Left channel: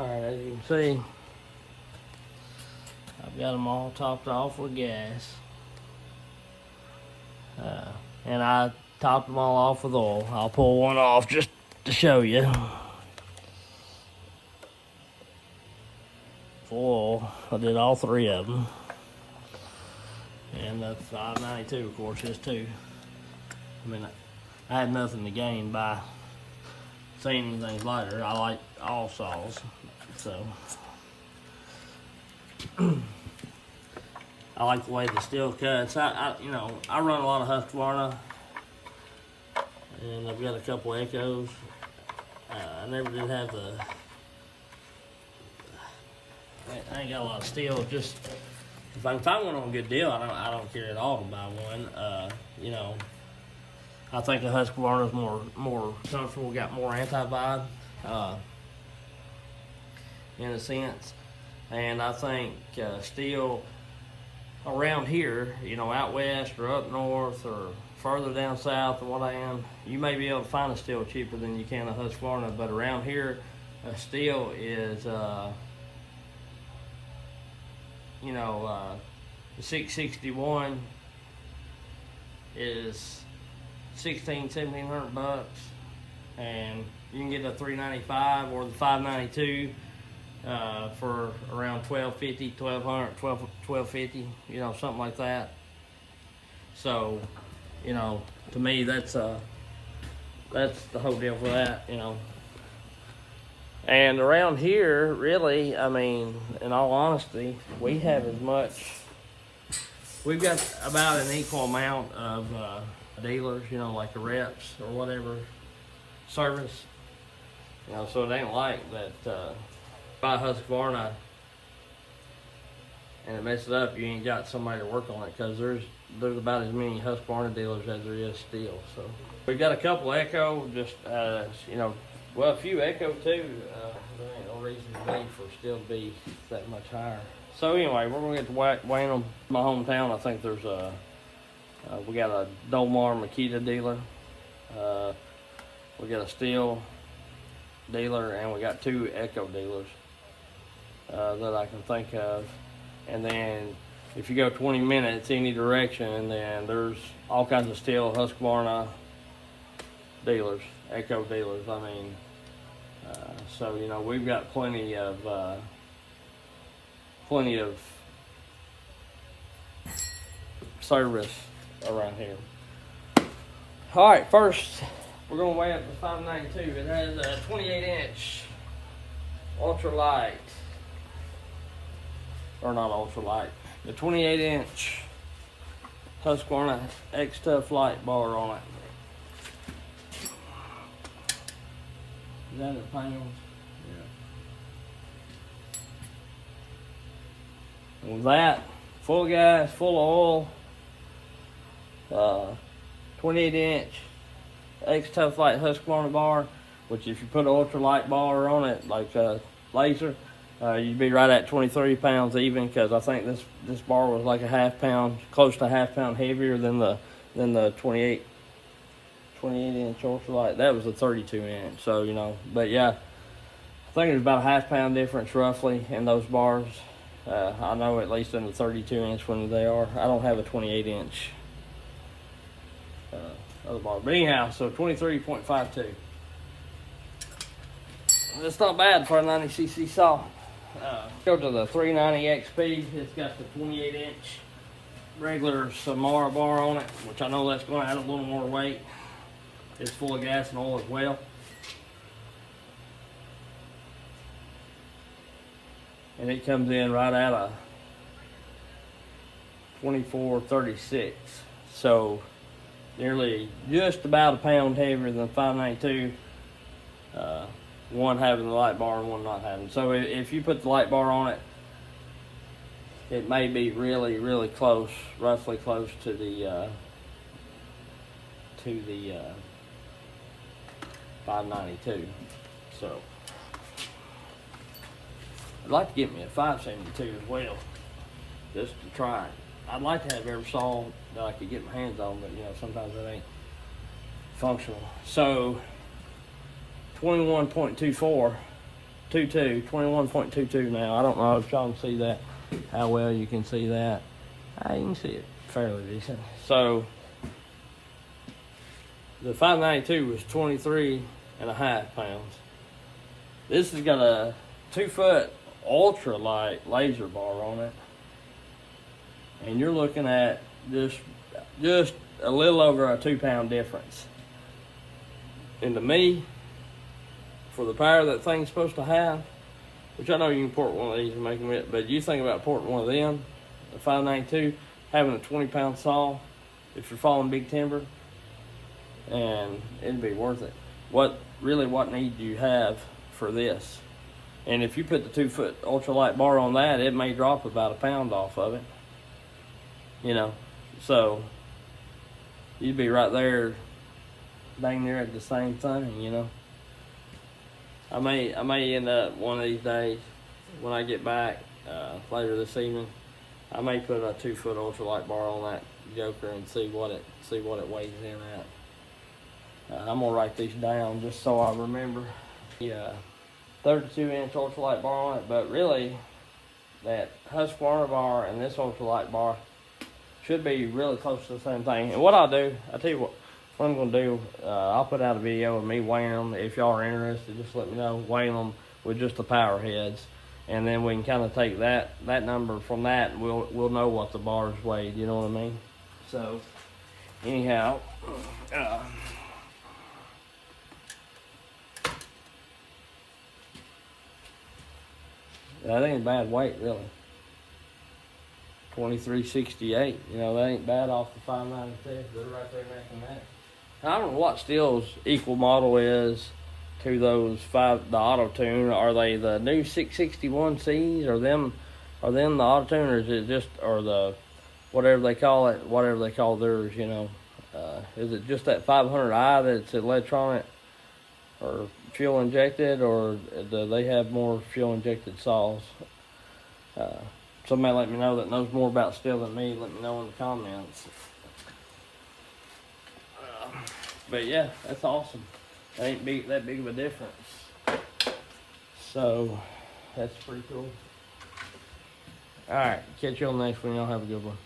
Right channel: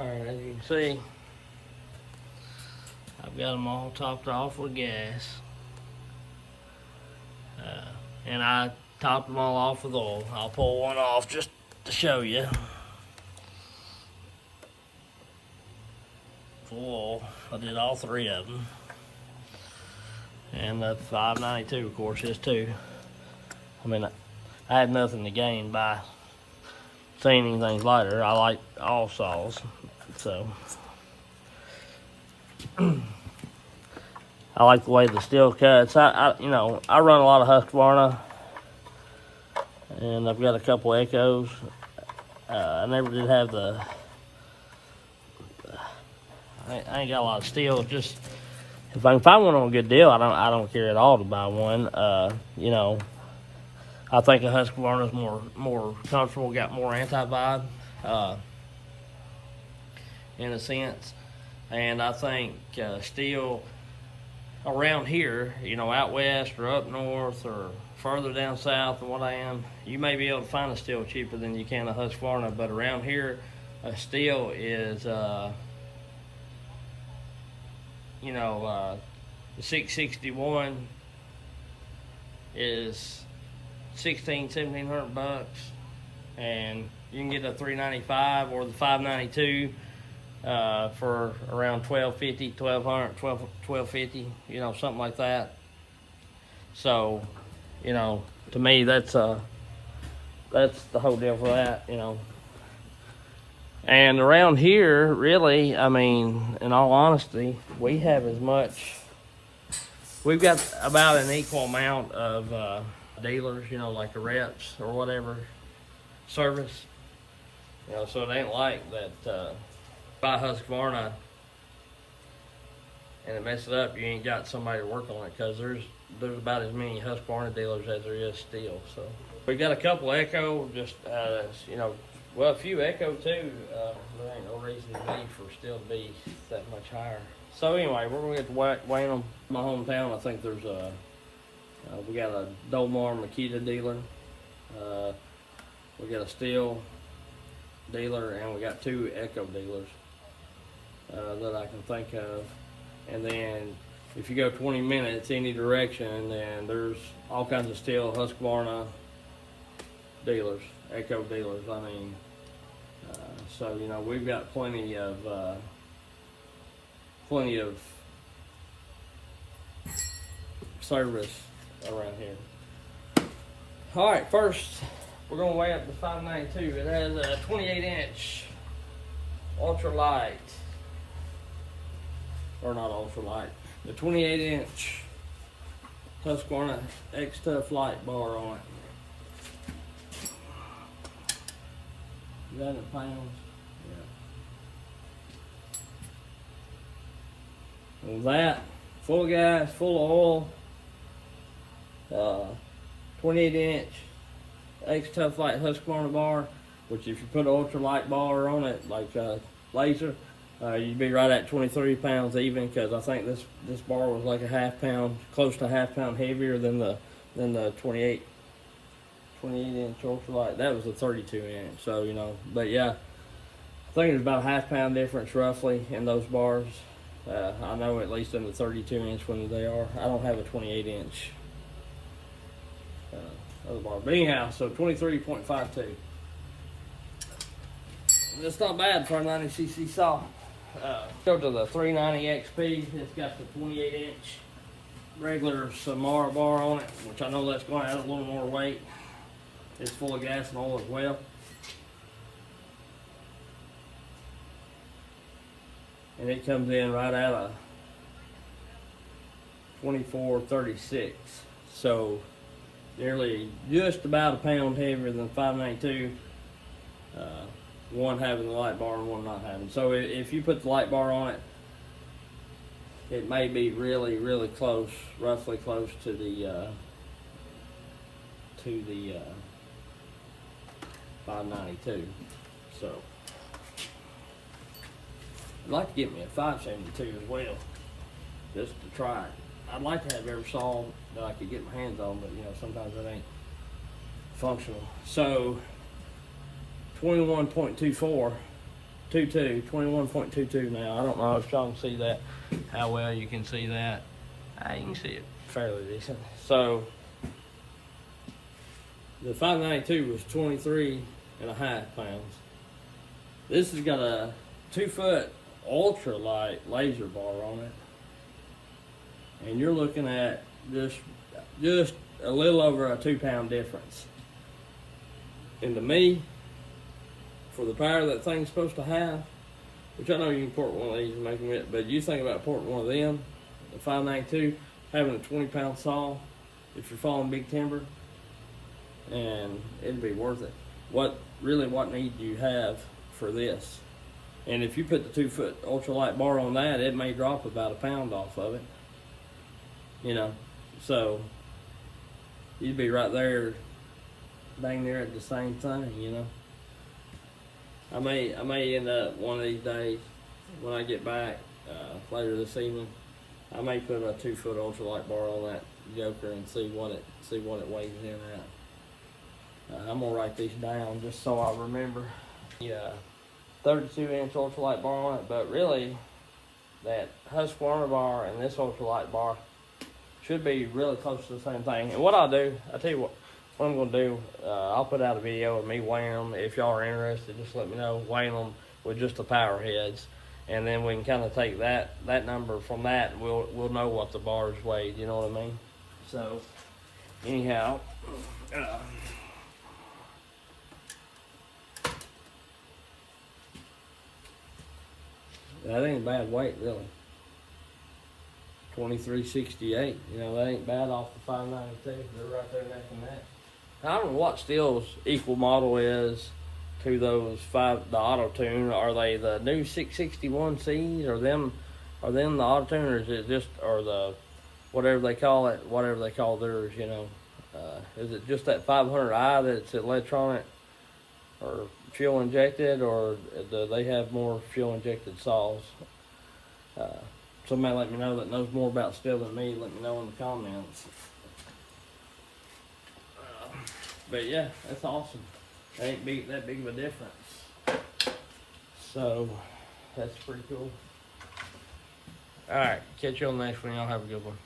Alright, as you can see, I've got them all topped off with gas. And I topped them all off with oil. I'll pull one off just to show you. Full oil. I did all three of them. And the 592, of course, is too. I mean, I had nothing to gain by seeing anything lighter. I like all saws, so. I like the way the steel cuts. I run a lot of Husqvarna, and I've got a couple Echoes. I never did have the. I ain't got a lot of steel. Just if I can find one on a good deal, I don't care at all to buy one. I think a Husqvarna's more comfortable, got more anti-vibe, in a sense, and I think steel around here, out west or up north or further down south than what I am, you may be able to find a steel cheaper than you can a Husqvarna, but around here, a steel is, the 661 is $1,700 bucks, and you can get a 395 or the 592 for around $1,250, $1,200, $1,250, something like that. So, to me, that's the whole deal for that, And around here, really, I mean, in all honesty, we have we've got about an equal amount of dealers, like the reps or whatever, service. So it ain't like that buy Husqvarna and it messes up, you ain't got somebody to work on it, because there's about as many Husqvarna dealers as there is steel. So we got a couple Echo, just a few Echo too. There ain't no reason to be for steel to be that much higher. So anyway, we're gonna get to Wayne, my hometown. I think there's we got a Dolmar Makita dealer, we got a steel dealer, and we got two Echo dealers that I can think of. And then if you go 20 minutes any direction, then there's all kinds of steel Husqvarna dealers, Echo dealers. I mean, so we've got plenty of service around here. All right, first we're gonna weigh up the 592. It has a 28-inch ultralight, or not ultralight, the 28-inch Husqvarna xtorq light bar on it. Is that a pound? Yeah. With that, full of gas, full of oil, 28-inch xtorq light Husqvarna bar, which if you put an ultralight bar on it, like a laser, you'd be right at 23 pounds even, because I think this bar was like a half pound, close to a half pound heavier than the 28-inch ultralight. That was a 32-inch. So but yeah, I think there's about a half pound difference roughly in those bars. I know at least in the 32-inch when they are. I don't have a 28-inch other bar, but anyhow, so 23.52. That's not bad for a 90cc saw. Go to the 390 XP. It's got the 28-inch regular Samara bar on it, which I know that's going to add a little more weight. It's full of gas and oil as well. And it comes in right at a 24.36. So nearly just about a pound heavier than 592. One having the light bar and one not having. So if you put the light bar on it, it may be really, really close, roughly close to the 592. So I'd like to get me a 572 as well, just to try it. I'd like to have every saw that I could get my hands on, but sometimes it ain't functional. So 21.24 21.22 now. I don't know if y'all can see that, how well you can see that. You can see it fairly decent. So the 592 was 23.5 pounds. This has got a 2-foot ultralight laser bar on it, and you're looking at just a little over a 2-pound difference. And to me, for the power that thing's supposed to have, which I know you can port one of these and make them it, but you think about porting one of them, the 592, having a 20-pound saw, if you're falling big timber, and it'd be worth it. What need do you have for this? And if you put the 2-foot ultralight bar on that, it may drop about a pound off of it. You know, so you'd be right there, dang near at the same thing, you know. I may end up one of these days when I get back later this evening. I may put a 2-foot ultralight bar on that joker and see what it weighs in at. I'm gonna write these down just so I remember. Yeah, 32-inch ultralight bar on it, but really that Husqvarna bar and this ultralight bar should be really close to the same thing. And what I'll do, I'll tell you what I'm gonna do. I'll put out a video of me weighing them. If y'all are interested, just let me know. Weighing them with just the power heads, and then we can kind of take that number from that. And we'll know what the bars weighed. You know what I mean? So anyhow, that ain't a bad weight, really. 2368. You know, that ain't bad off the 592. They're right there neck and neck. I don't know what Stihl's equal model is to those the auto tune. Are they the new 661Cs, or them the auto tune, or is it just, or the whatever they call theirs, you know? Is it just that 500i that's electronic or fuel injected, or do they have more fuel injected saws? Somebody let me know that knows more about Stihl than me. Let me know in the comments. But yeah, that's awesome. That ain't that big of a difference. So that's pretty cool. All right, catch you on the next one. Y'all have a good one.